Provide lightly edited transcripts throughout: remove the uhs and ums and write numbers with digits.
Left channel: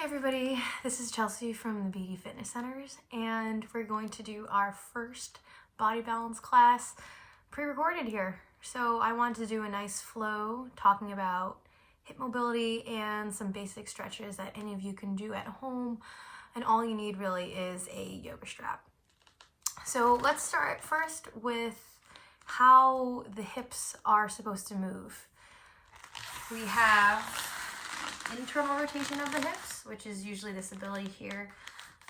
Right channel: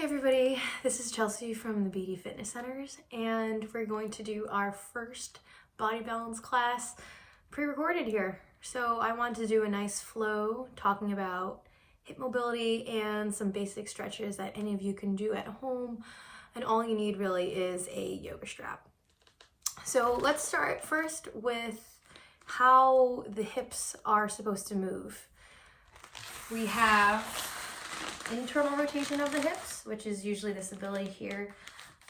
Hey everybody, this is Chelsea from the BD Fitness Centers, and we're going to do our first body balance class pre-recorded here. So I wanted to do a nice flow talking about hip mobility and some basic stretches that any of you can do at home, and all you need really is a yoga strap. So let's start first with how the hips are supposed to move. We have internal rotation of the hips, which is usually this ability here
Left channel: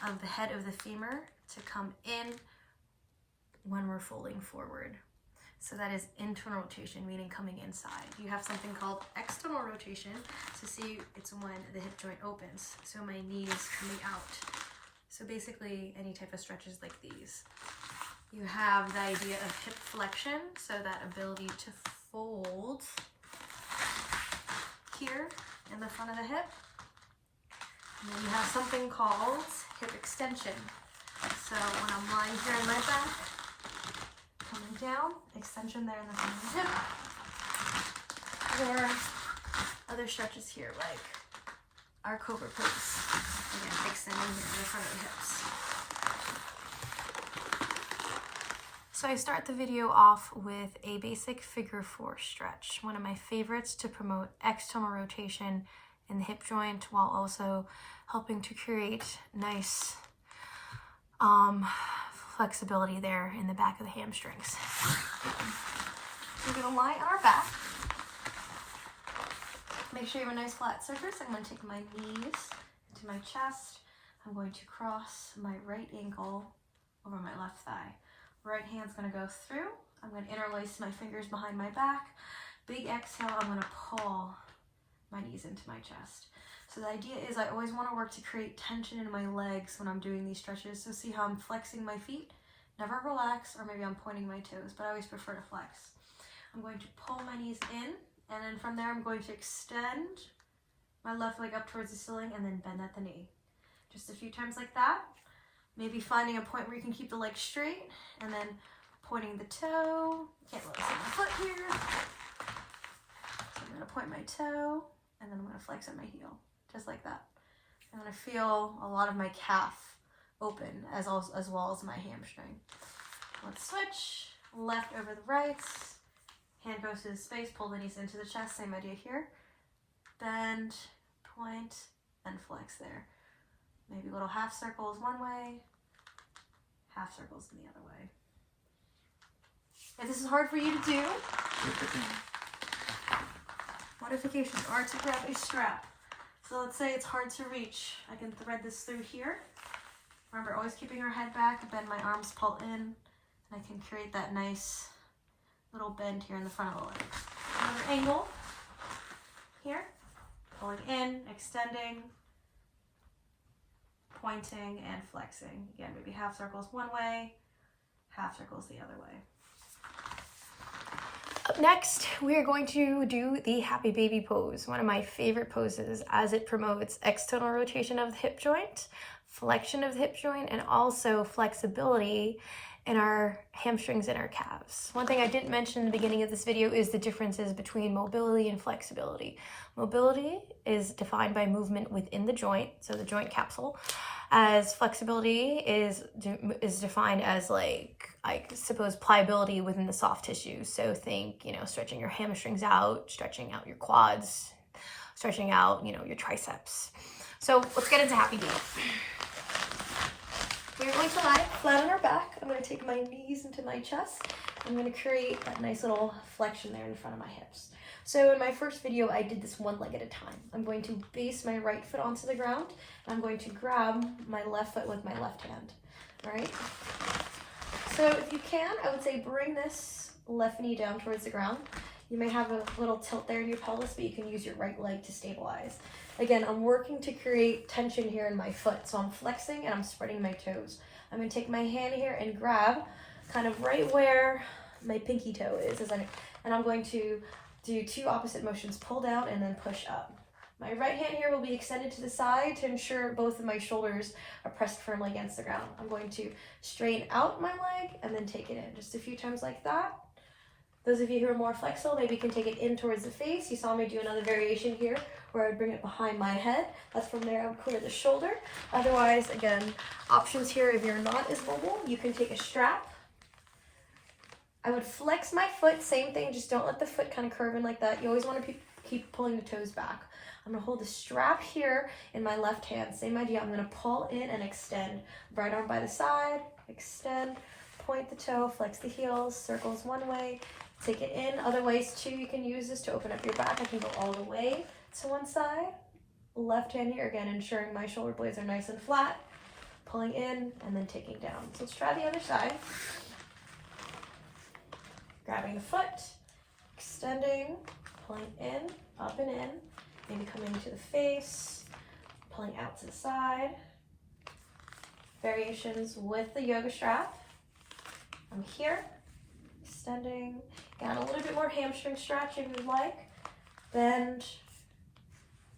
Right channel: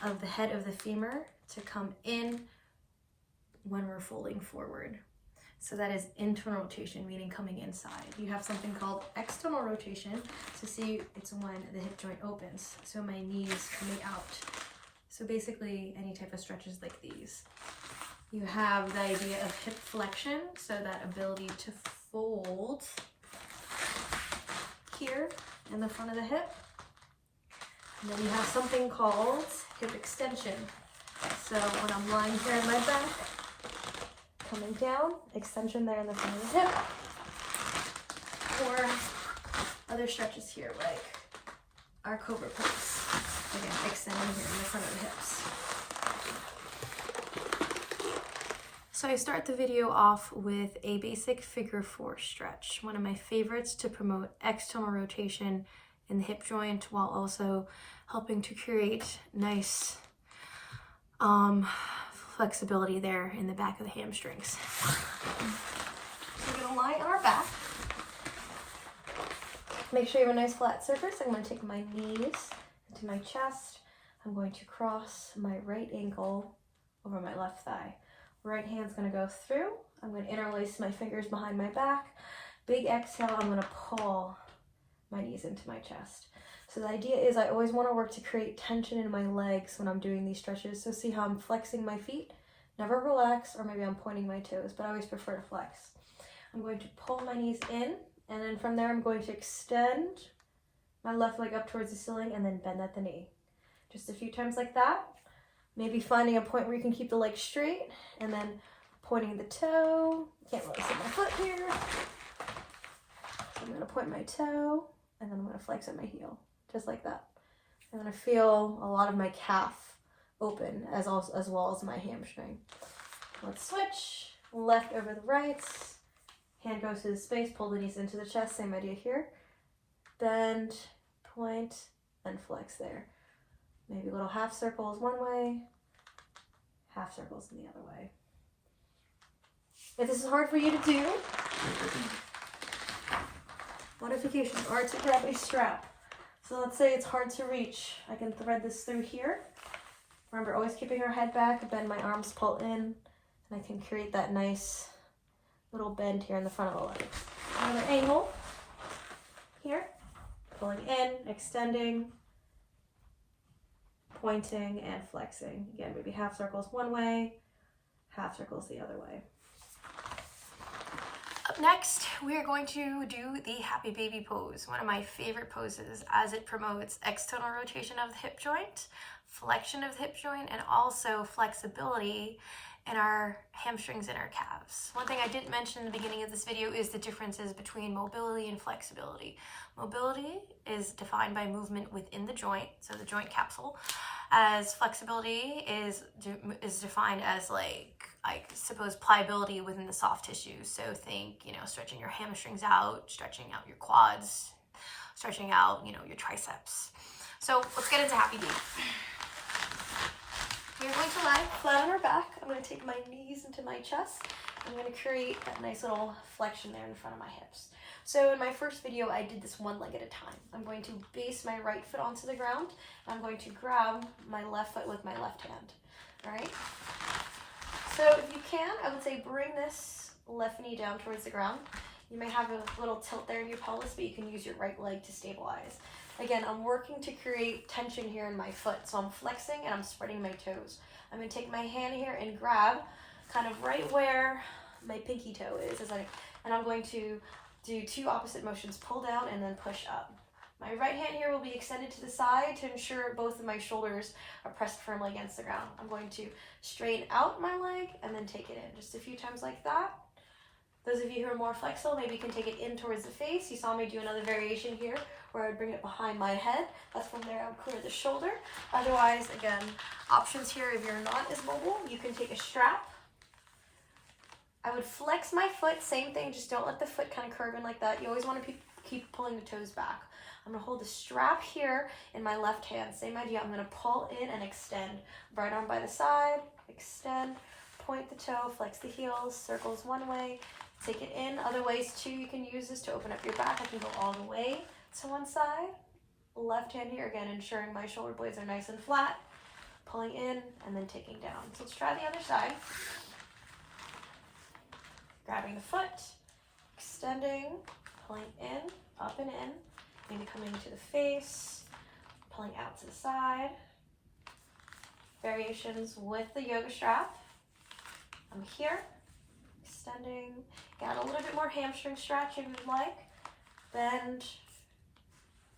of the head of the femur to come in when we're folding forward. So that is internal rotation, meaning coming inside. You have something called external rotation. So see, it's when the hip joint opens. So my knees coming out. So basically any type of stretches like these. You have the idea of hip flexion, so that ability to fold here in the front of the hip. And then you have something called hip extension. So when I'm lying here on my back, coming down, extension there in the front of the hip. Or other stretches here, like our cobra pose. Again, extending here in the front of the hips. So I start the video off with a basic figure 4 stretch, one of my favorites to promote external rotation in the hip joint while also helping to create nice flexibility there in the back of the hamstrings. We're gonna lie on our back. Make sure you have a nice flat surface. I'm gonna take my knees into my chest. I'm going to cross my right ankle over my left thigh. Right hand's gonna go through. I'm gonna interlace my fingers behind my back. Big exhale, I'm gonna pull my knees into my chest. So the idea is I always wanna work to create tension in my legs when I'm doing these stretches. So see how I'm flexing my feet? Never relax, or maybe I'm pointing my toes, but I always prefer to flex. I'm going to pull my knees in, and then from there I'm going to extend my left leg up towards the ceiling and then bend at the knee. Just a few times like that. Maybe finding a point where you can keep the leg straight, and then pointing the toe. Can't really see my foot here. I'm gonna point my toe, and then I'm gonna flex at my heel, just like that. I'm gonna feel a lot of my calf open as well as my hamstring. Let's switch. Left over the right. Hand goes to the space, pull the knees into the chest, same idea here. Bend, point, and flex there. Maybe little half circles one way, half circles in the other way. If this is hard for you to do, modifications are to grab a strap. So let's say it's hard to reach. I can thread this through here. Remember, always keeping our head back, bend my arms, pull in, and I can create that nice little bend here in the front of the leg. Another angle here, pulling in, extending, pointing, and flexing. Again, maybe half circles one way, half circles the other way. Up next, we are going to do the happy baby pose, one of my favorite poses as it promotes external rotation of the hip joint, flexion of the hip joint, and also flexibility in our hamstrings and our calves. One thing I didn't mention in the beginning of this video is the differences between mobility and flexibility. Mobility is defined by movement within the joint, so the joint capsule, as flexibility is defined as I suppose pliability within the soft tissue. So think, stretching your hamstrings out, stretching out your quads, stretching out, your triceps. So let's get into happy baby. We're going to lie flat on our back. I'm going to take my knees into my chest. I'm going to create that nice little flexion there in front of my hips. So in my first video, I did this one leg at a time. I'm going to base my right foot onto the ground. I'm going to grab my left foot with my left hand, all right? So if you can, I would say bring this left knee down towards the ground. You may have a little tilt there in your pelvis, but you can use your right leg to stabilize. Again, I'm working to create tension here in my foot. So I'm flexing and I'm spreading my toes. I'm gonna take my hand here and grab kind of right where my pinky toe is. And I'm going to do two opposite motions, pull down and then push up. My right hand here will be extended to the side to ensure both of my shoulders are pressed firmly against the ground. I'm going to straighten out my leg and then take it in. Just a few times like that. Those of you who are more flexible, maybe you can take it in towards the face. You saw me do another variation here where I would bring it behind my head. That's from there I would cover the shoulder. Otherwise, again, options here, if you're not as mobile, you can take a strap. I would flex my foot, same thing, just don't let the foot kind of curve in like that. You always want to keep pulling the toes back. I'm going to hold the strap here in my left hand. Same idea, I'm going to pull in and extend. Right arm by the side, extend, point the toe, flex the heels, circles one way, take it in. Other ways too, you can use this to open up your back. I can go all the way to one side. Left hand here, again, ensuring my shoulder blades are nice and flat. Pulling in and then taking down. So let's try the other side. Grabbing the foot, extending, pulling in, up and in, maybe coming to the face, pulling out to the side. Variations with the yoga strap. I'm here, extending, and a little bit more hamstring stretch if you'd like. Bend,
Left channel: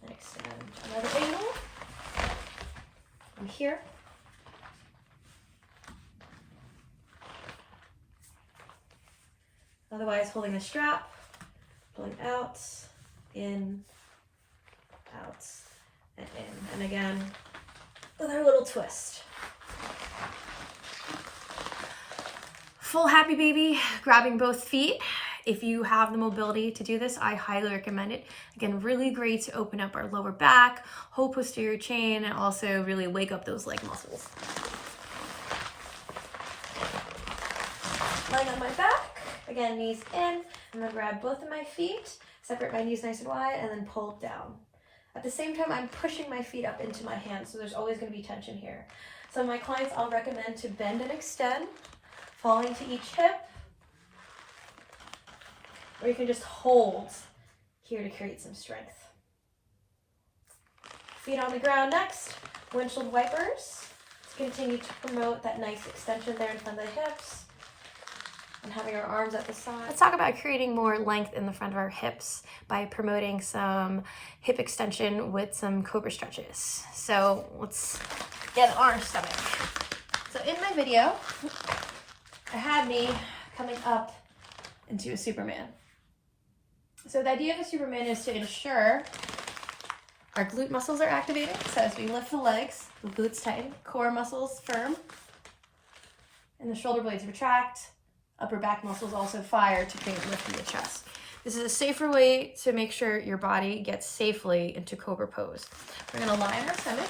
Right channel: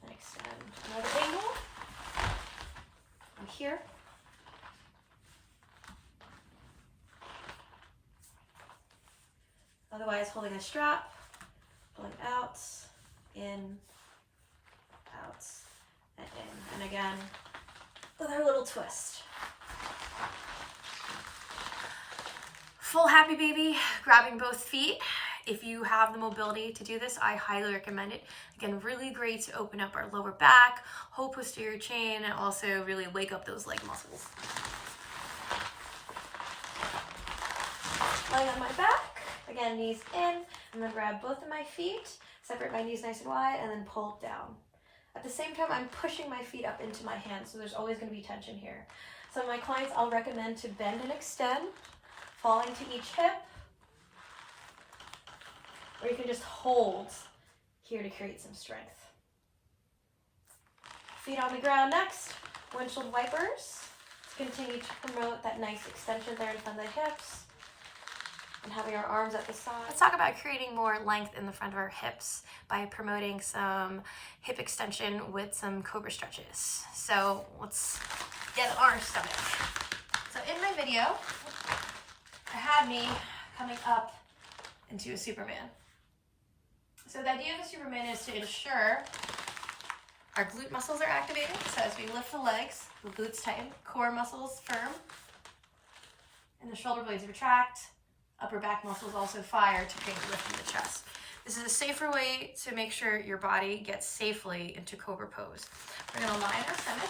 and extend. Another angle. I'm here. Otherwise, holding the strap, pulling out, in, out, and in. And again, another little twist. Full happy baby, grabbing both feet. If you have the mobility to do this, I highly recommend it. Again, really great to open up our lower back, whole posterior chain, and also really wake up those leg muscles. Lying on my back. Again, knees in. I'm going to grab both of my feet, separate my knees nice and wide, and then pull down. At the same time, I'm pushing my feet up into my hands, so there's always going to be tension here. Some of my clients, I'll recommend to bend and extend, falling to each hip, or you can just hold here to create some strength. Feet on the ground next, windshield wipers. Let's continue to promote that nice extension there in front of the hips. And having our arms at the side. Let's talk about creating more length in the front of our hips by promoting some hip extension with some cobra stretches. So let's get on our stomach. So in my video, I had me coming up into a Superman. So the idea of a Superman is to ensure our glute muscles are activated. So as we lift the legs, the glutes tighten, core muscles firm, and the shoulder blades retract. Upper back muscles also fire to create lift in the chest. This is a safer way to make sure your body gets safely into cobra pose. We're going to lie in our stomach.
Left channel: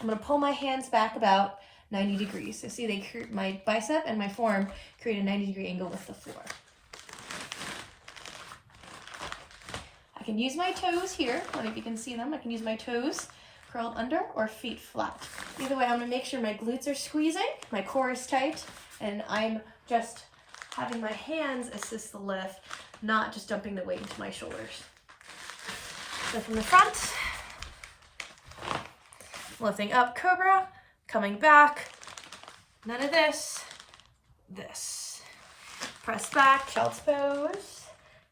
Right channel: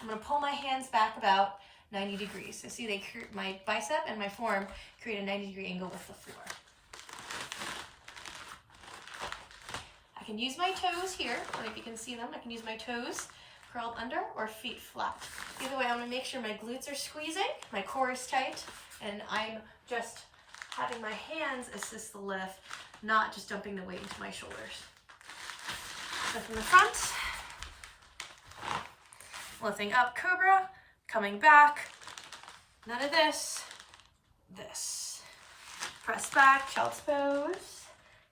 I'm going to pull my hands back about 90 degrees. So see, my bicep and my forearm create a 90-degree angle with the floor. I can use my toes here, or if you can see them, I can use my toes curled under or feet flat. Either way, I'm going to make sure my glutes are squeezing, my core is tight, and I'm just having my hands assist the lift, not just dumping the weight into my shoulders. So from the front, lifting up, cobra, coming back, none of this, this. Press back, child's pose,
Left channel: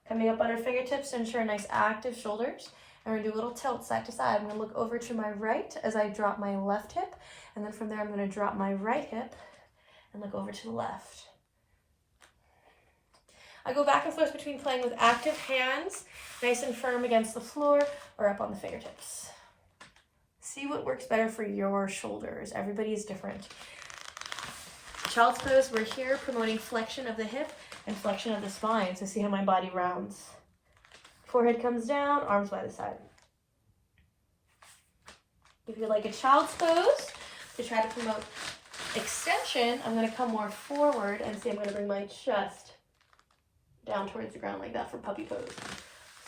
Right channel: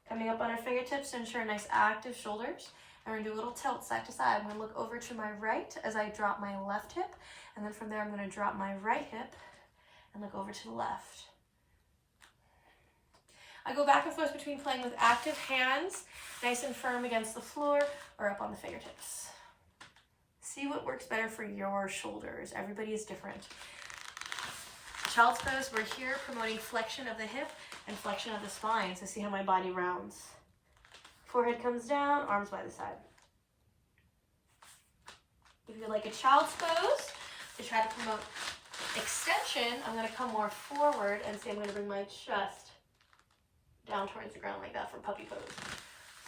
coming up on our fingertips to ensure nice active shoulders. And we're gonna do a little tilt side to side. I'm gonna look over to my right as I drop my left hip, and then from there I'm gonna drop my right hip and look over to the left. I go back and forth between playing with active hands, nice and firm against the floor, or up on the fingertips. See what works better for your shoulders. Everybody is different. Child's pose, we're here promoting flexion of the hip and flexion of the spine. So see how my body rounds. Forehead comes down, arms by the side. If you like a child's pose, to try to promote extension, I'm going to come more forward and see I'm going to bring my chest down towards the ground like that for puppy pose.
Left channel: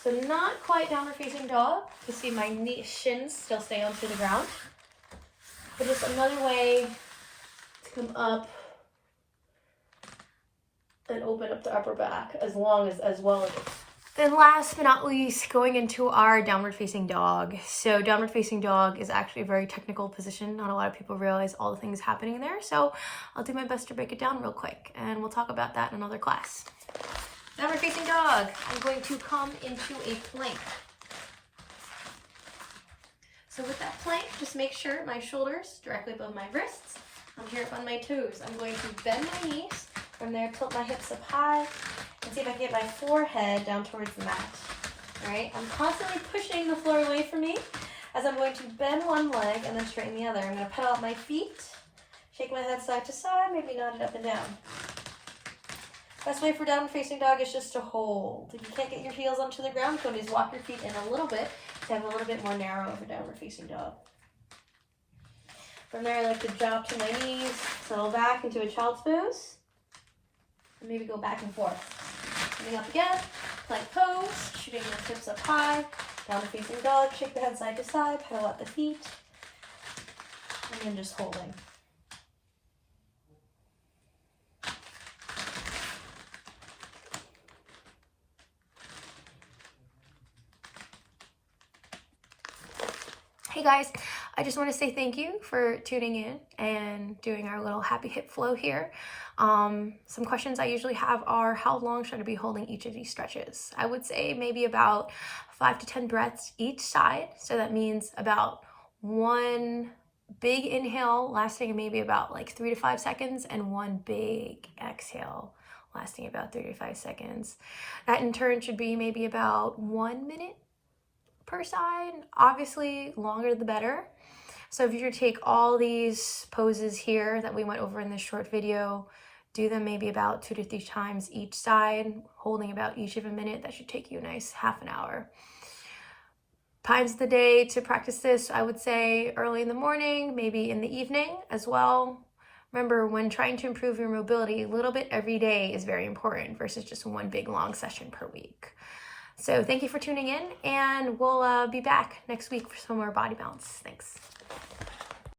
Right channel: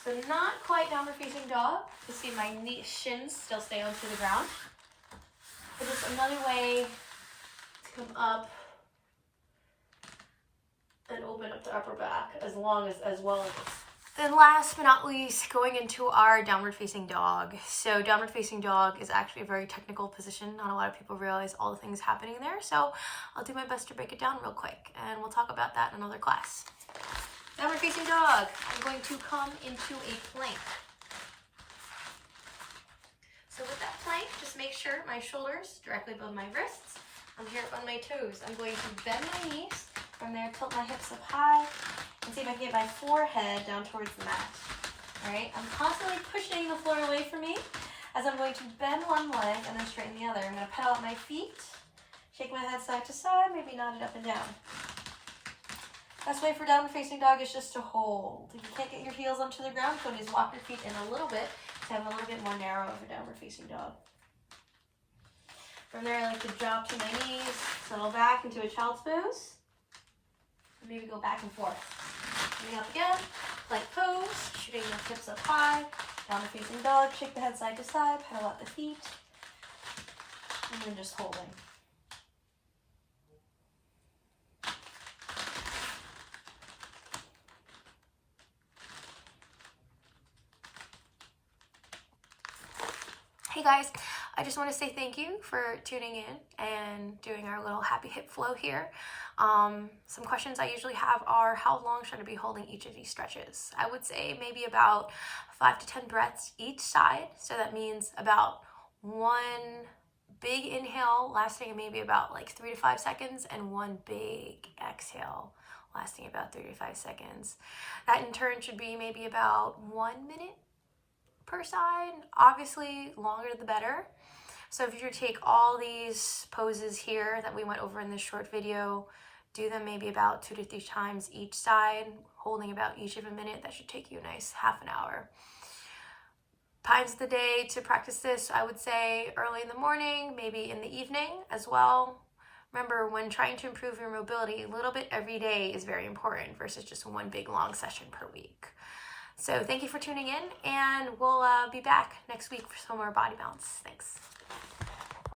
So not quite downward facing dog to see my shins still stay onto the ground, but just another way to come up and open up the upper back as well as Then last but not least, going into our downward facing dog. So downward facing dog is actually a very technical position. Not a lot of people realize all the things happening there. So I'll do my best to break it down real quick, and we'll talk about that in another class. Downward facing dog, I'm going to come into a plank. So with that plank, just make sure my shoulders directly above my wrists. I'm here up on my toes. I'm going to bend my knees. From there, tilt my hips up high and see if I can get my forehead down towards the mat. All right, I'm constantly pushing the floor away from me as I'm going to bend one leg and then straighten the other. I'm going to pedal out my feet, shake my head side to side, maybe nod it up and down. Best way for downward facing dog is just to hold. If you can't get your heels onto the ground, you can just walk your feet in a little bit to have a little bit more narrow over downward facing dog. From there, I like to drop to my knees, settle back into a child's pose, and maybe go back and forth. Coming up again, plank pose, shooting the hips up high, downward facing dog, shake the head side to side, pedal out the feet, and then just holding. Hey guys, I just want to say thank you for tuning in and doing our little happy hip flow here. Some questions I usually have are, how long should I be holding each of these stretches? I would say maybe about 5 to 10 breaths each side. So that means about one big inhale lasting maybe about like 3 to 5 seconds and one big exhale lasting about 3 to 5 seconds. That in turn should be maybe about 1 minute per side. Obviously, longer the better. So if you were to take all these poses here that we went over in this short video, do them maybe about 2 to 3 times each side, holding about each of a minute. That should take you a nice half an hour. Times of the day to practice this, I would say early in the morning, maybe in the evening as well. Remember, when trying to improve your mobility, a little bit every day is very important versus just one big long session per week. So thank you for tuning in, and we'll be back next week for some more body balance. Thanks.